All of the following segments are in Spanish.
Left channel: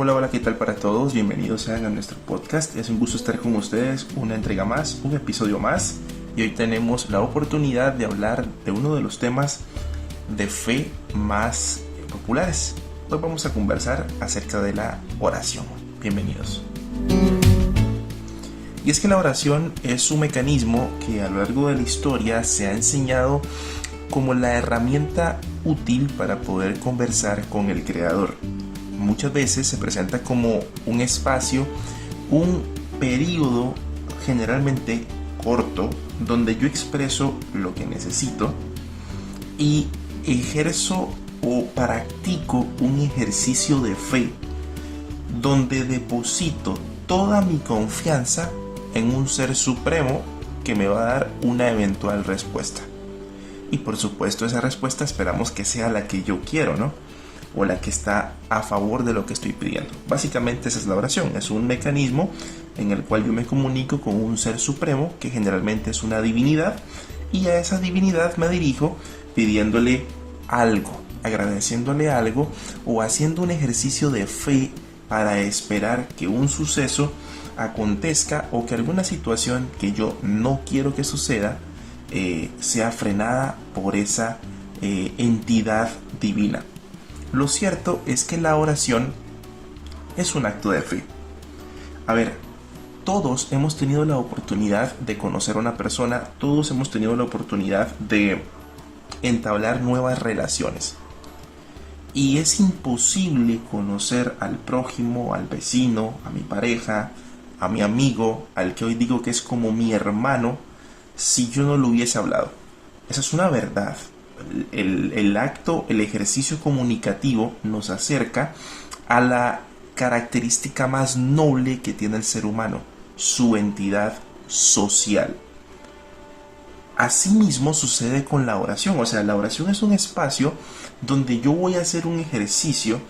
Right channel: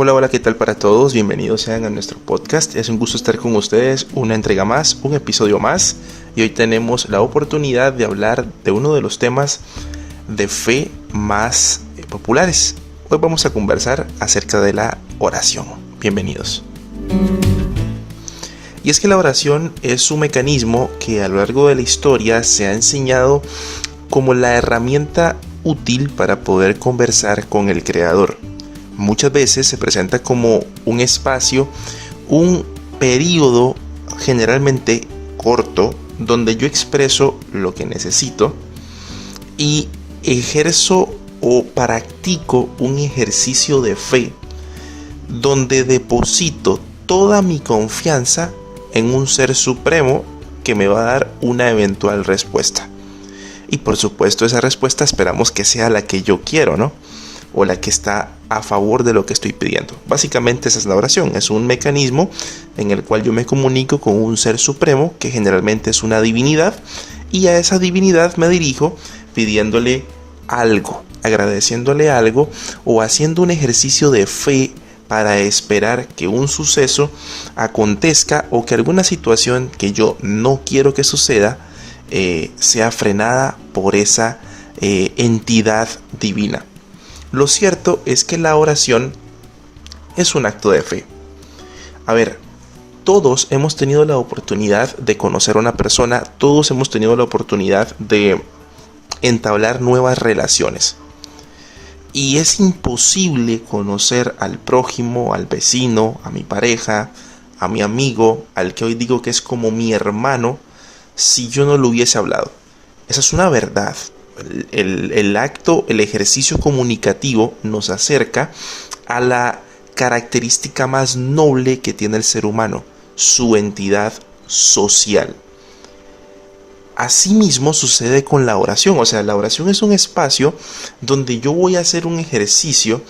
Hola, hola, ¿qué tal para todos? Bienvenidos sean a nuestro podcast. Es un gusto estar con ustedes, una entrega más, un episodio más. Y hoy tenemos la oportunidad de hablar de uno de los temas de fe más populares. Hoy vamos a conversar acerca de la oración. Bienvenidos. Y es que la oración es un mecanismo que a lo largo de la historia se ha enseñado como la herramienta útil para poder conversar con el Creador. Muchas veces se presenta como un espacio, un periodo generalmente corto, donde yo expreso lo que necesito y ejerzo o practico un ejercicio de fe, donde deposito toda mi confianza en un ser supremo que me va a dar una eventual respuesta. Y por supuesto esa respuesta esperamos que sea la que yo quiero, ¿no? O la que está a favor de lo que estoy pidiendo. Básicamente esa es la oración, es un mecanismo en el cual yo me comunico con un ser supremo que generalmente es una divinidad, y a esa divinidad me dirijo pidiéndole algo, agradeciéndole algo o haciendo un ejercicio de fe para esperar que un suceso acontezca o que alguna situación que yo no quiero que suceda sea frenada por esa entidad divina. Lo cierto es que la oración es un acto de fe. A ver, todos hemos tenido la oportunidad de conocer a una persona, todos hemos tenido la oportunidad de entablar nuevas relaciones. Y es imposible conocer al prójimo, al vecino, a mi pareja, a mi amigo, al que hoy digo que es como mi hermano, si yo no lo hubiese hablado. Esa es una verdad. El acto, el ejercicio comunicativo nos acerca a la característica más noble que tiene el ser humano, su entidad social. Asimismo sucede con la oración, o sea, la oración es un espacio donde yo voy a hacer un ejercicio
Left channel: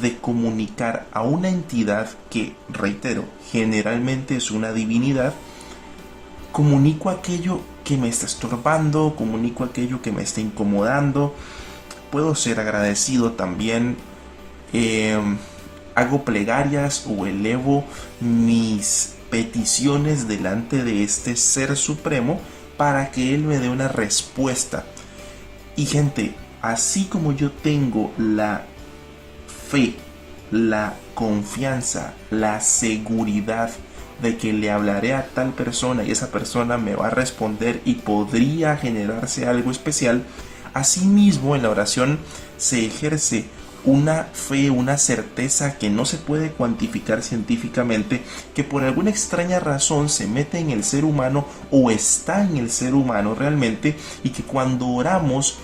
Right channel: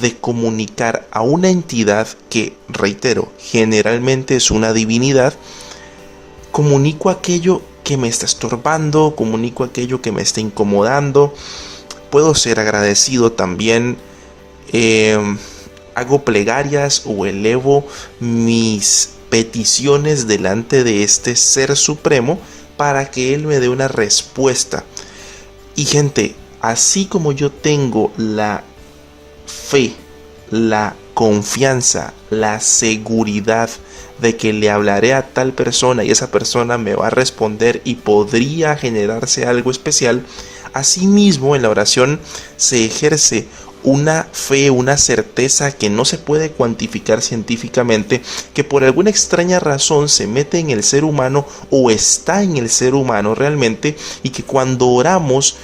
de comunicar a una entidad que, reitero, generalmente es una divinidad. Comunico aquello que me está estorbando, comunico aquello que me está incomodando. Puedo ser agradecido también, hago plegarias o elevo mis peticiones delante de este ser supremo para que él me dé una respuesta. Y gente, así como yo tengo la fe, la confianza, la seguridad de que le hablaré a tal persona y esa persona me va a responder y podría generarse algo especial, asimismo en la oración se ejerce una fe, una certeza que no se puede cuantificar científicamente, que por alguna extraña razón se mete en el ser humano o está en el ser humano realmente, y que cuando oramos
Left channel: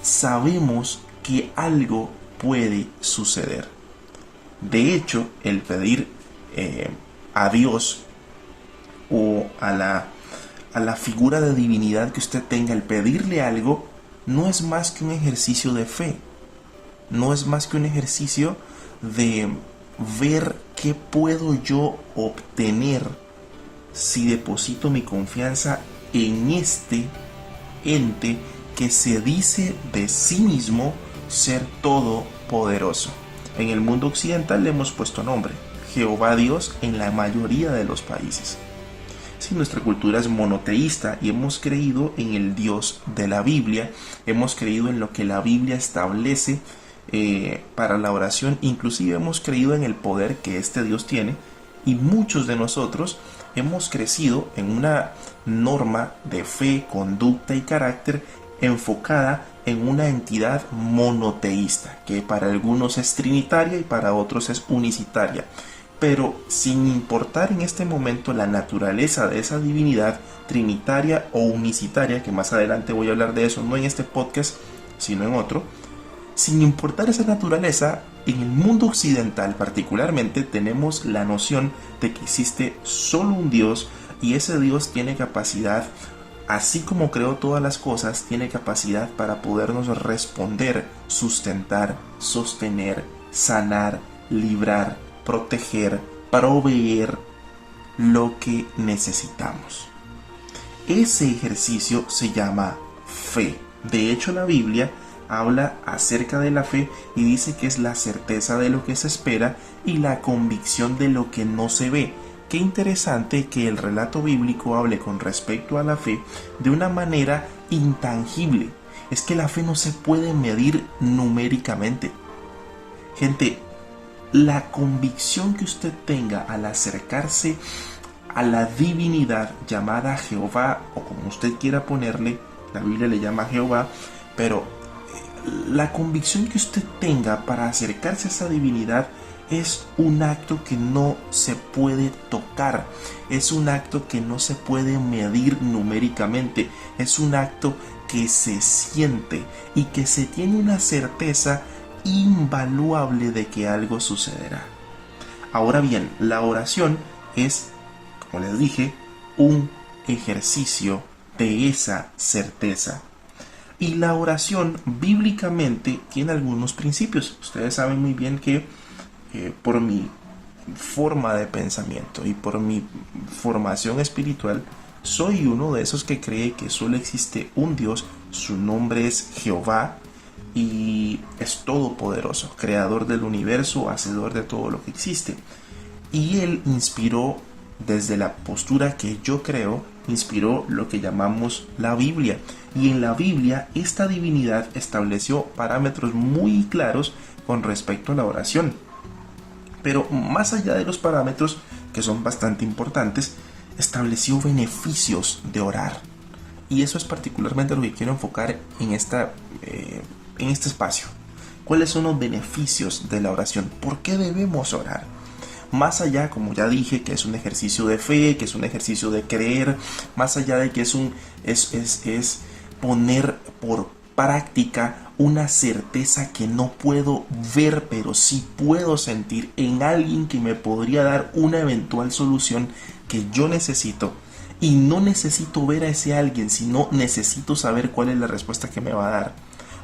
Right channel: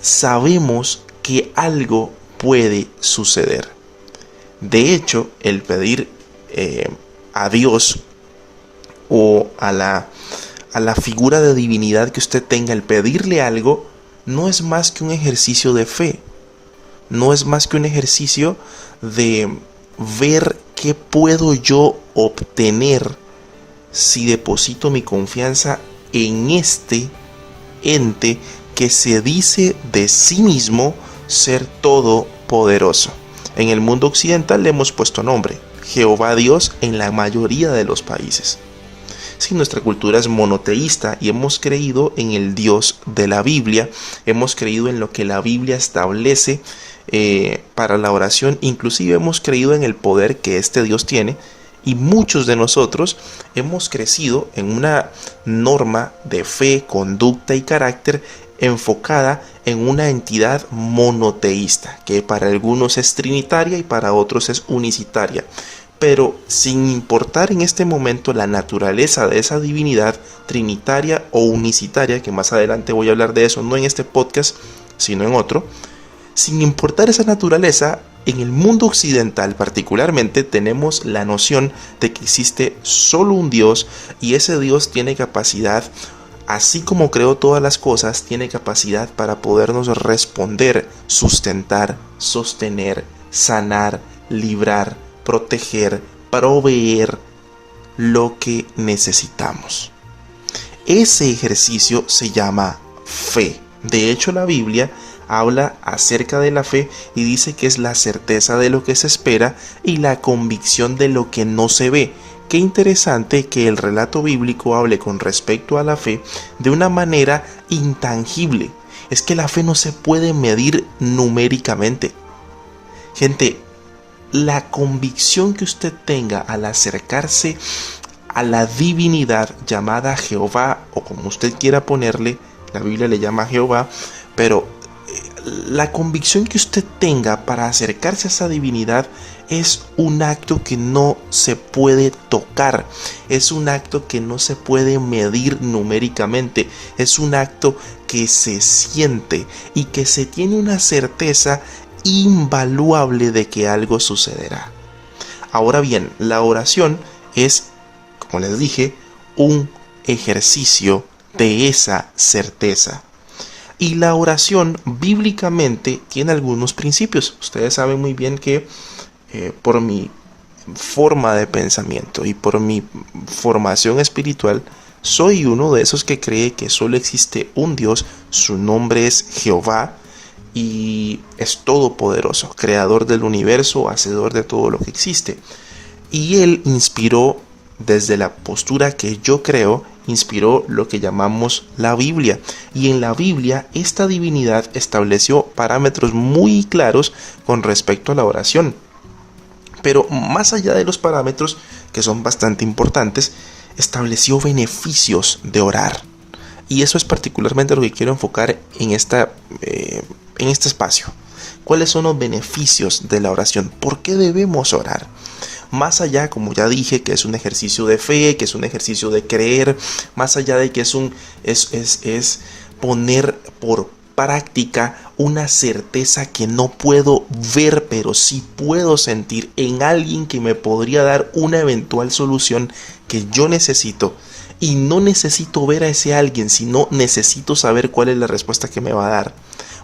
sabemos que algo puede suceder. De hecho, el pedir a Dios o a la figura de divinidad que usted tenga, el pedirle algo, no es más que un ejercicio de fe. No es más que un ejercicio de ver qué puedo yo obtener si deposito mi confianza en este ente que se dice de sí mismo ser todopoderoso. En el mundo occidental le hemos puesto nombre, Jehová Dios, en la mayoría de los países. Sí, nuestra cultura es monoteísta y hemos creído en el Dios de la Biblia, hemos creído en lo que la Biblia establece para la oración, inclusive hemos creído en el poder que este Dios tiene, y muchos de nosotros hemos crecido en una norma de fe, conducta y carácter enfocada en una entidad monoteísta, que para algunos es trinitaria y para otros es unicitaria. Pero sin importar en este momento la naturaleza de esa divinidad trinitaria o unicitaria, que más adelante voy a hablar de eso, no en este podcast, sino en otro, sin importar esa naturaleza, en el mundo occidental particularmente tenemos la noción de que existe solo un Dios, y ese Dios tiene capacidad, así como creó todas las cosas, tiene capacidad para podernos responder, sustentar, sostener, sanar, librar, proteger, proveer lo que necesitamos. Ese ejercicio se llama fe. De hecho, la Biblia habla acerca de la fe y dice que es la certeza de lo que se espera y la convicción de lo que no se ve. Qué interesante que el relato bíblico hable con respecto a la fe de una manera intangible. Es que la fe no se puede medir numéricamente. Gente, la convicción que usted tenga al acercarse a la divinidad llamada Jehová, o como usted quiera ponerle, la Biblia le llama Jehová, pero la convicción que usted tenga para acercarse a esa divinidad es un acto que no se puede tocar, es un acto que no se puede medir numéricamente, es un acto que se siente y que se tiene una certeza invaluable de que algo sucederá. Ahora bien, la oración es, como les dije, un ejercicio de esa certeza. Y la oración bíblicamente tiene algunos principios. Ustedes saben muy bien que por mi forma de pensamiento y por mi formación espiritual, soy uno de esos que cree que solo existe un Dios, su nombre es Jehová y es todopoderoso, creador del universo, hacedor de todo lo que existe. Y él inspiró, desde la postura que yo creo, inspiró lo que llamamos la Biblia. Y en la Biblia esta divinidad estableció parámetros muy claros con respecto a la oración. Pero más allá de los parámetros, que son bastante importantes, estableció beneficios de orar. Y eso es particularmente lo que quiero enfocar en este espacio. ¿Cuáles son los beneficios de la oración? ¿Por qué debemos orar? Más allá, como ya dije, que es un ejercicio de fe, que es un ejercicio de creer, más allá de que es poner por práctica una certeza que no puedo ver, pero sí puedo sentir en alguien que me podría dar una eventual solución que yo necesito. Y no necesito ver a ese alguien, sino necesito saber cuál es la respuesta que me va a dar.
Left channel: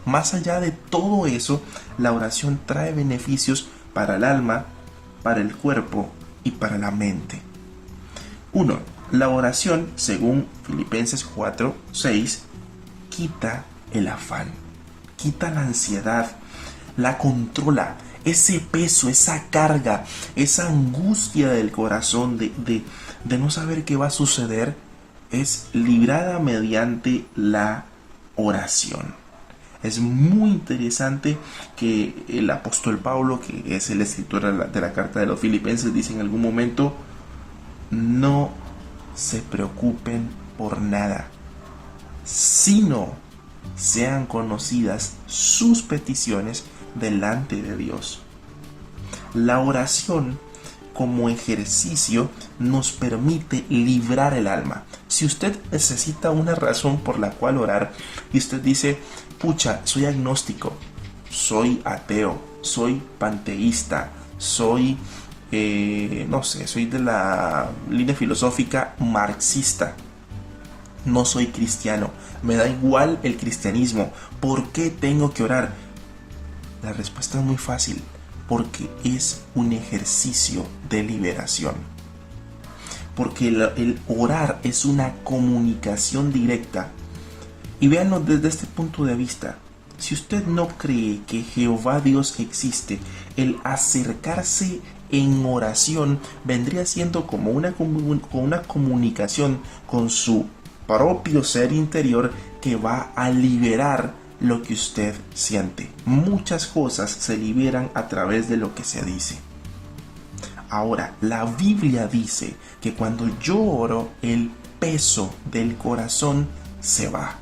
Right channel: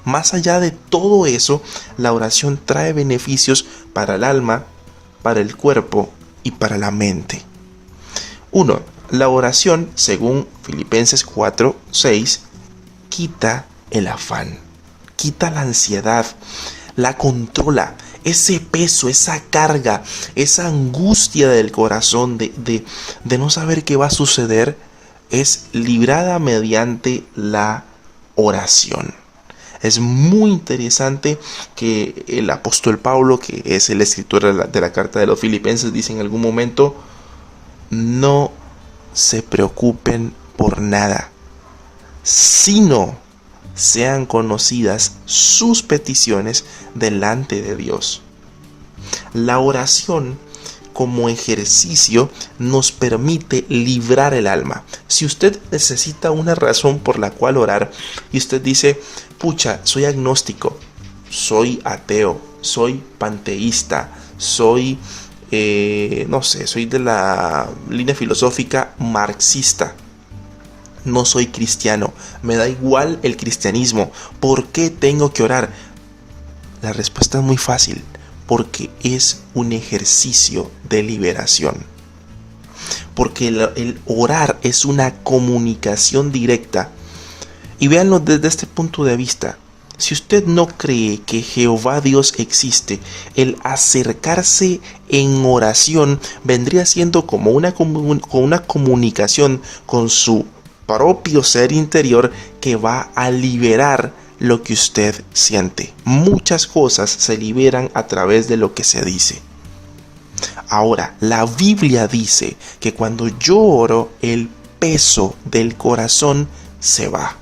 Más allá de todo eso, la oración trae beneficios para el alma, para el cuerpo y para la mente. 1. La oración, según Filipenses 4:6, quita el afán, quita la ansiedad, la controla. Ese peso, esa carga, esa angustia del corazón de no saber qué va a suceder, es librada mediante la oración. Es muy interesante que el apóstol Pablo, que es el escritor de la carta de los Filipenses, dice en algún momento: no se preocupen por nada, sino sean conocidas sus peticiones delante de Dios. La oración como ejercicio nos permite librar el alma. Si usted necesita una razón por la cual orar y usted dice: pucha, soy agnóstico, soy ateo, soy panteísta, soy no sé, soy de la línea filosófica marxista, no soy cristiano, me da igual el cristianismo, ¿por qué tengo que orar? La respuesta es muy fácil: porque es un ejercicio de liberación. Porque el orar es una comunicación directa. Y véanlo desde este punto de vista. Si usted no cree que Jehová Dios existe, el acercarse en oración vendría siendo como una comunicación con su propio ser interior que va a liberar lo que usted siente. Muchas cosas se liberan a través de lo que se dice. Ahora, la Biblia dice que cuando yo oro, el peso del corazón se va.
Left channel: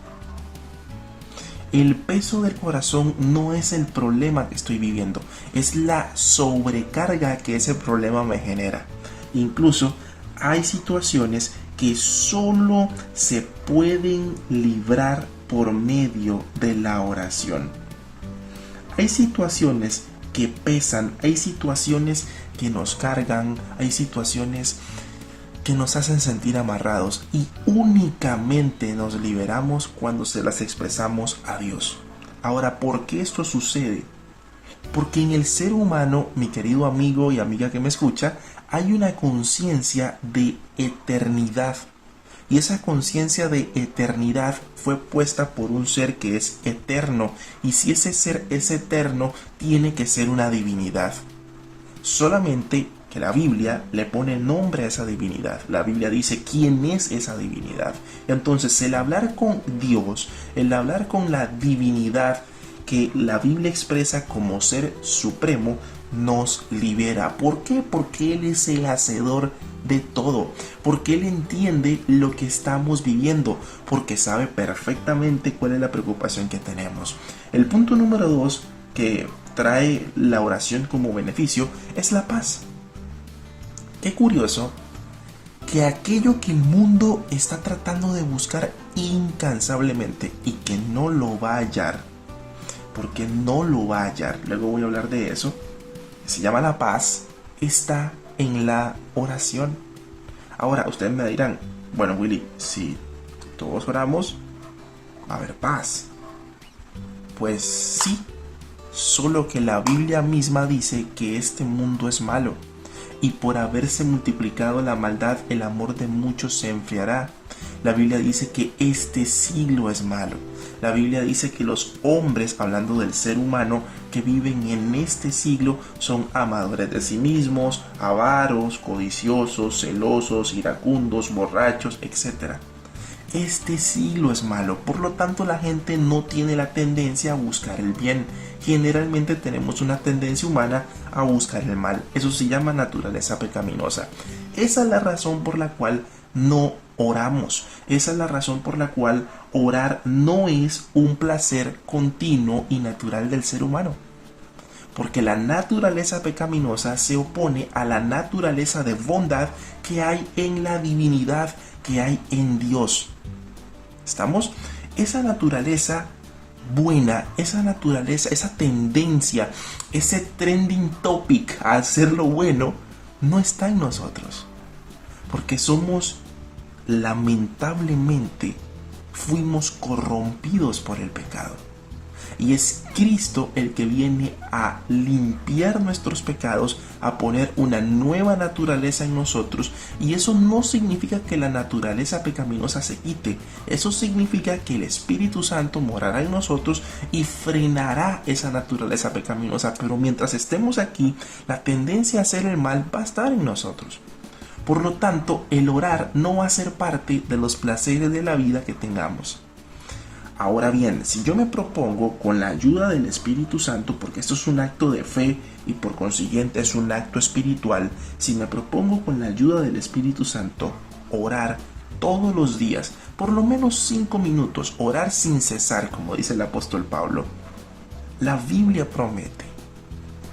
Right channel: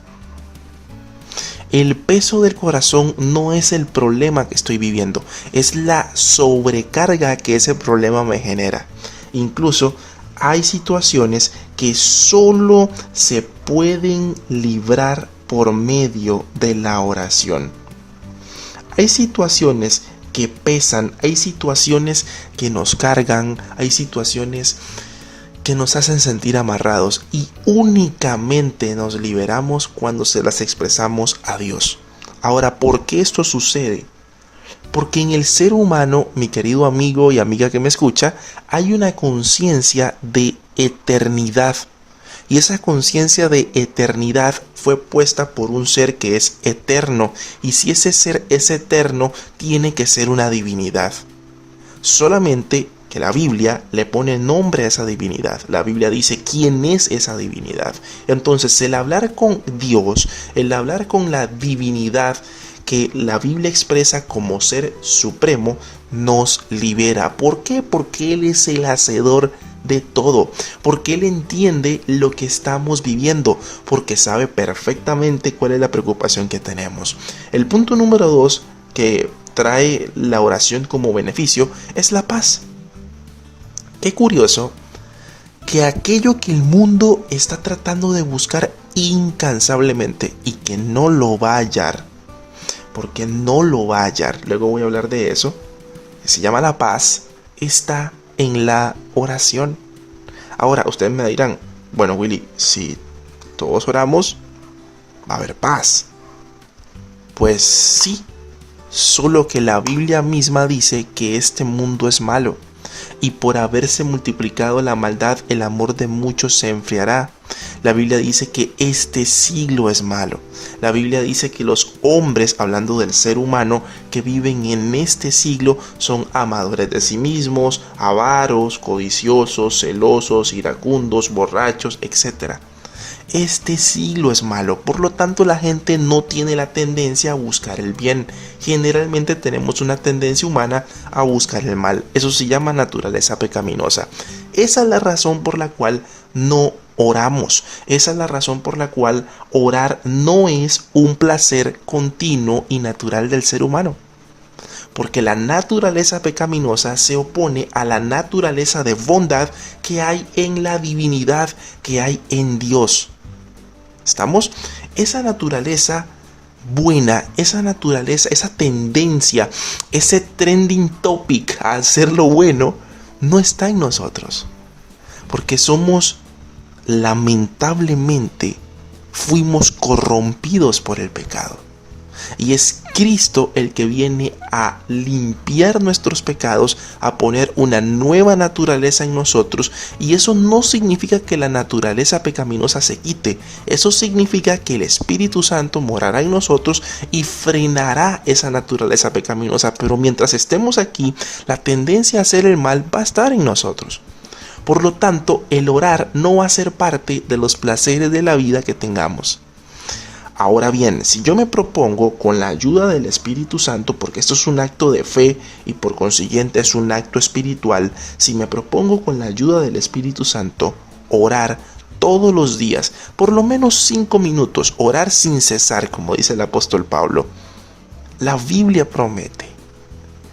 El peso del corazón no es el problema que estoy viviendo, es la sobrecarga que ese problema me genera. Incluso hay situaciones que solo se pueden librar por medio de la oración. Hay situaciones que pesan, hay situaciones que nos cargan, hay situaciones que nos hacen sentir amarrados y únicamente nos liberamos cuando se las expresamos a Dios. Ahora, ¿por qué esto sucede? Porque en el ser humano, mi querido amigo y amiga que me escucha, hay una conciencia de eternidad. Y esa conciencia de eternidad fue puesta por un ser que es eterno. Y si ese ser es eterno, tiene que ser una divinidad. Solamente que la Biblia le pone nombre a esa divinidad. La Biblia dice quién es esa divinidad. Entonces, el hablar con Dios, el hablar con la divinidad que la Biblia expresa como ser supremo, nos libera. ¿Por qué? Porque Él es el hacedor de todo, porque Él entiende lo que estamos viviendo, porque sabe perfectamente cuál es la preocupación que tenemos. El punto número 2 que trae la oración como beneficio es la paz. Qué curioso que aquello que el mundo está tratando de buscar incansablemente y que no lo va a hallar, porque no lo va a hallar, luego voy a hablar de eso, que se llama la paz, está en la oración. Ahora, ustedes me dirán, bueno, Willy, si todos oramos, va a haber paz. Pues sí, solo que la Biblia misma dice que este mundo es malo, y por haberse multiplicado la maldad, el amor de muchos se enfriará. La Biblia dice que este siglo es malo. La Biblia dice que los hombres, hablando del ser humano, que viven en este siglo son amadores de sí mismos, avaros, codiciosos, celosos, iracundos, borrachos, etc. Este siglo es malo, por lo tanto la gente no tiene la tendencia a buscar el bien. Generalmente tenemos una tendencia humana a buscar el mal. Eso se llama naturaleza pecaminosa. Esa es la razón por la cual no oramos. Esa es la razón por la cual orar no es un placer continuo y natural del ser humano. Porque la naturaleza pecaminosa se opone a la naturaleza de bondad que hay en la divinidad, que hay en Dios. ¿Estamos? Esa naturaleza buena, esa naturaleza, esa tendencia, ese trending topic a hacer lo bueno, no está en nosotros. Porque lamentablemente, fuimos corrompidos por el pecado. Y es Cristo el que viene a limpiar nuestros pecados, a poner una nueva naturaleza en nosotros. Y eso no significa que la naturaleza pecaminosa se quite. Eso significa que el Espíritu Santo morará en nosotros y frenará esa naturaleza pecaminosa. Pero mientras estemos aquí, la tendencia a hacer el mal va a estar en nosotros. Por lo tanto, el orar no va a ser parte de los placeres de la vida que tengamos. Ahora bien, si yo me propongo con la ayuda del Espíritu Santo, porque esto es un acto de fe y por consiguiente es un acto espiritual, si me propongo con la ayuda del Espíritu Santo orar todos los días, por lo menos 5 minutos, orar sin cesar, como dice el apóstol Pablo, la Biblia promete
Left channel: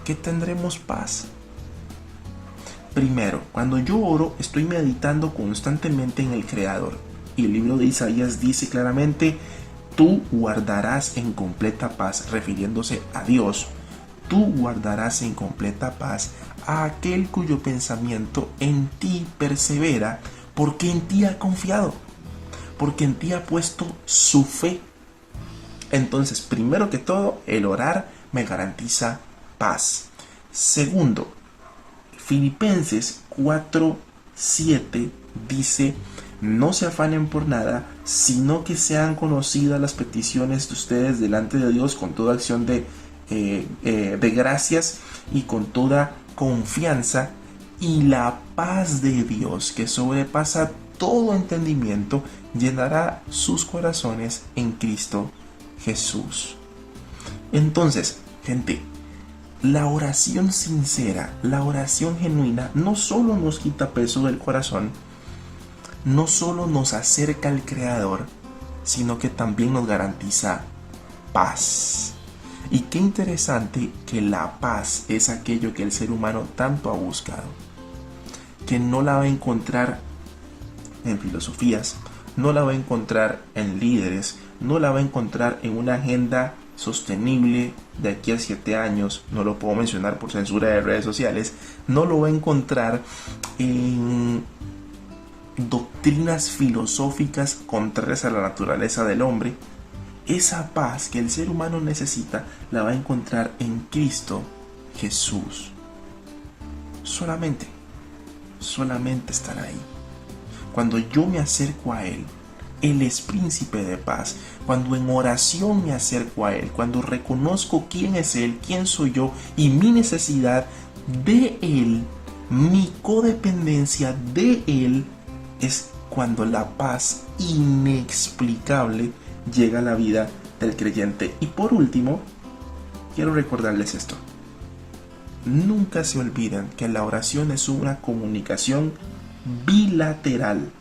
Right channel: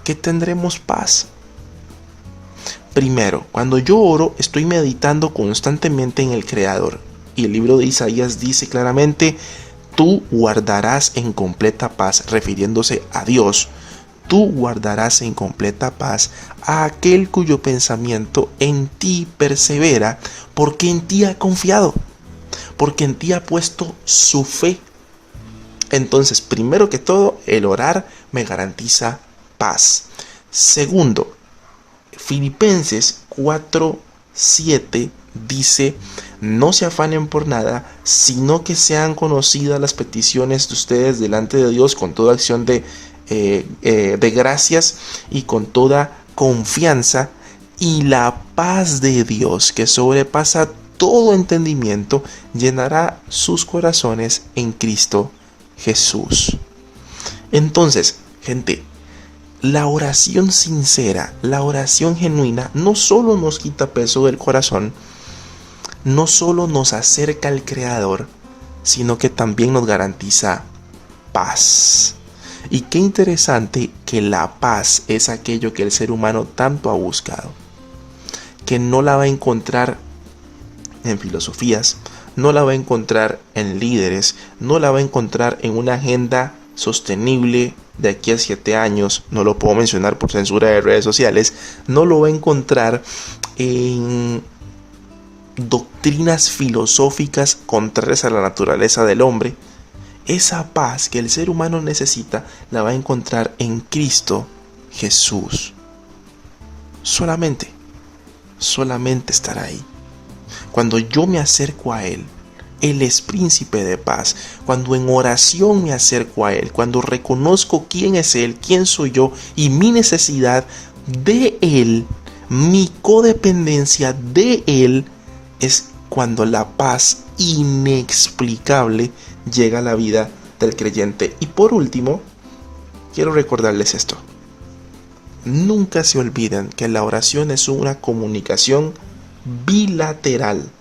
que tendremos paz. Primero, cuando yo oro, estoy meditando constantemente en el Creador. Y el libro de Isaías dice claramente: tú guardarás en completa paz, refiriéndose a Dios. Tú guardarás en completa paz a aquel cuyo pensamiento en ti persevera, porque en ti ha confiado, porque en ti ha puesto su fe. Entonces, primero que todo, el orar me garantiza paz. Segundo, Filipenses 4:7 dice: no se afanen por nada, sino que sean conocidas las peticiones de ustedes delante de Dios con toda acción de gracias y con toda confianza, y la paz de Dios, que sobrepasa todo entendimiento, llenará sus corazones en Cristo Jesús. Entonces, gente, la oración sincera, la oración genuina, no solo nos quita peso del corazón, no solo nos acerca al Creador, sino que también nos garantiza paz. Y qué interesante que la paz es aquello que el ser humano tanto ha buscado, que no la va a encontrar en filosofías, no la va a encontrar en líderes, no la va a encontrar en una agenda sostenible de aquí a 7 años, no lo puedo mencionar por censura de redes sociales, no lo va a encontrar en doctrinas filosóficas contrarias a la naturaleza del hombre. Esa paz que el ser humano necesita la va a encontrar en Cristo Jesús. Solamente estará ahí. Cuando yo me acerco a Él, Él es príncipe de paz. Cuando en oración me acerco a Él, cuando reconozco quién es Él, quién soy yo y mi necesidad de Él, mi codependencia de Él, es cuando la paz inexplicable llega a la vida del creyente. Y por último, quiero recordarles esto. Nunca se olviden que la oración es una comunicación bilateral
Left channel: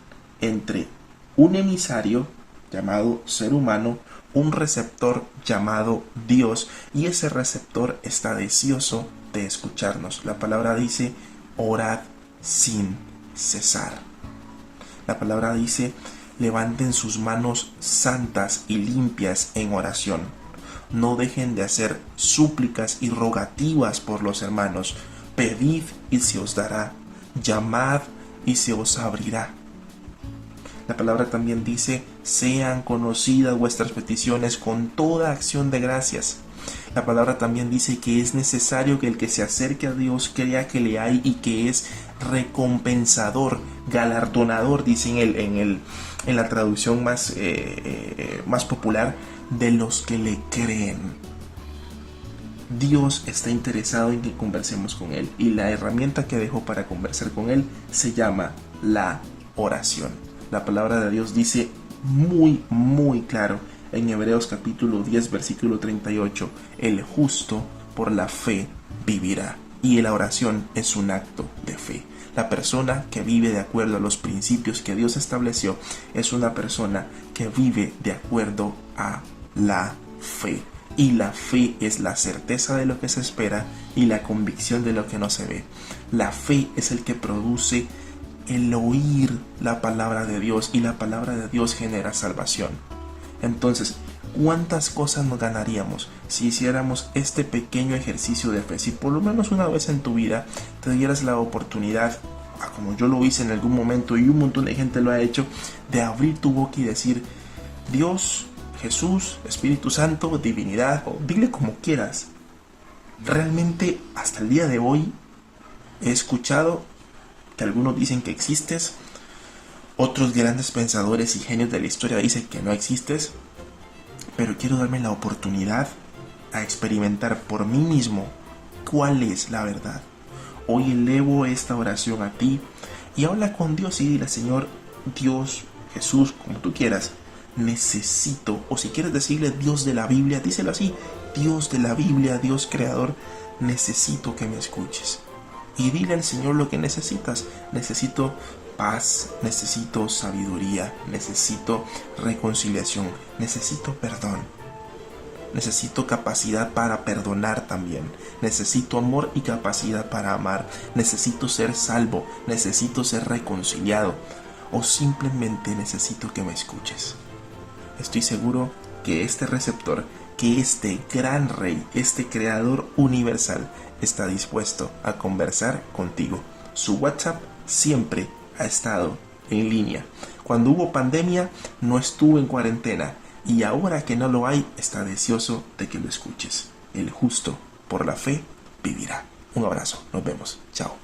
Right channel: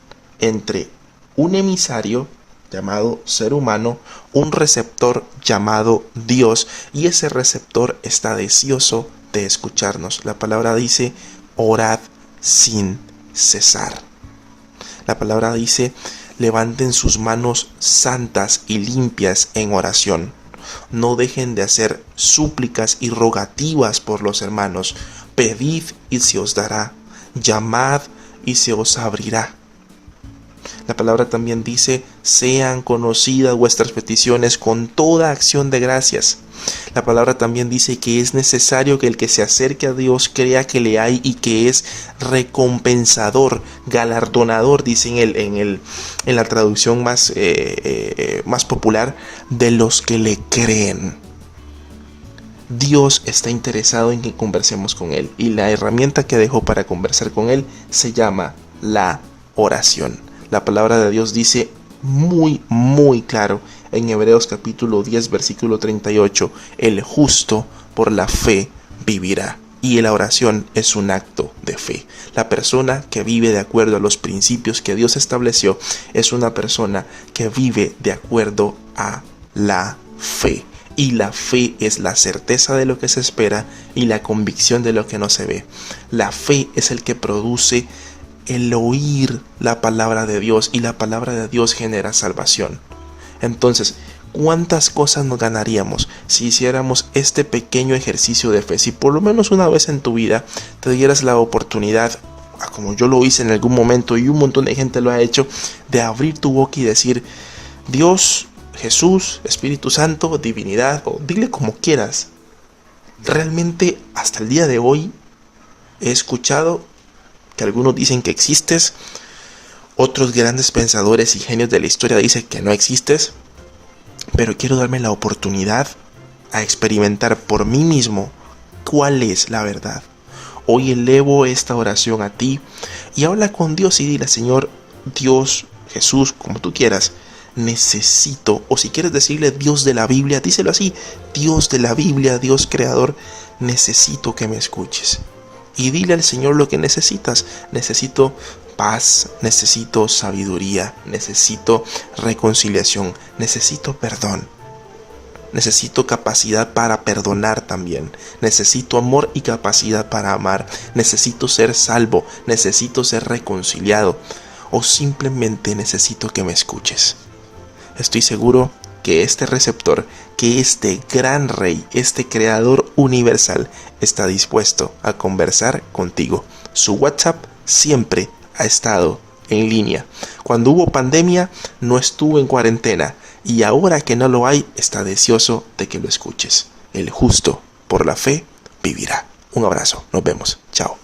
entre un emisario llamado ser humano, un receptor llamado Dios, y ese receptor está deseoso de escucharnos. La palabra dice, orad sin cesar. La palabra dice, levanten sus manos santas y limpias en oración. No dejen de hacer súplicas y rogativas por los hermanos. Pedid y se os dará. Llamad y se os abrirá. La palabra también dice, sean conocidas vuestras peticiones con toda acción de gracias. La palabra también dice que es necesario que el que se acerque a Dios crea que le hay y que es recompensador, galardonador, dicen en la traducción más popular, de los que le creen. Dios está interesado en que conversemos con Él, y la herramienta que dejó para conversar con Él se llama la oración. La palabra de Dios dice muy claro en Hebreos capítulo 10 versículo 38, el justo por la fe vivirá. Y la oración es un acto de fe. La persona que vive de acuerdo a los principios que Dios estableció es una persona que vive de acuerdo a la fe. Y la fe es la certeza de lo que se espera y la convicción de lo que no se ve. La fe es el que produce el oír la palabra de Dios, y la palabra de Dios genera salvación. Entonces, ¿cuántas cosas nos ganaríamos si hiciéramos este pequeño ejercicio de fe? Si por lo menos una vez en tu vida te dieras la oportunidad, como yo lo hice en algún momento y un montón de gente lo ha hecho, de abrir tu boca y decir, Dios, Jesús, Espíritu Santo, divinidad, o dile como quieras. Realmente hasta el día de hoy he escuchado que algunos dicen que existes, otros grandes pensadores y genios de la historia dicen que no existes, pero quiero darme la oportunidad a experimentar por mí mismo cuál es la verdad. Hoy elevo esta oración a ti y habla con Dios y dile, Señor, Dios, Jesús, como tú quieras, necesito, o si quieres decirle Dios de la Biblia, díselo así, Dios de la Biblia, Dios creador, necesito que me escuches. Y dile al Señor lo que necesitas. Necesito paz, necesito sabiduría, necesito reconciliación, necesito perdón. Necesito capacidad para perdonar también. Necesito amor y capacidad para amar. Necesito ser salvo, necesito ser reconciliado. O simplemente necesito que me escuches. Estoy seguro que este receptor, que este gran rey, este creador universal, está dispuesto a conversar contigo. Su WhatsApp siempre ha estado en línea. Cuando hubo pandemia, no estuvo en cuarentena, y ahora que no lo hay, está deseoso de que lo escuches. El justo por la fe vivirá. Un abrazo, nos vemos, chao.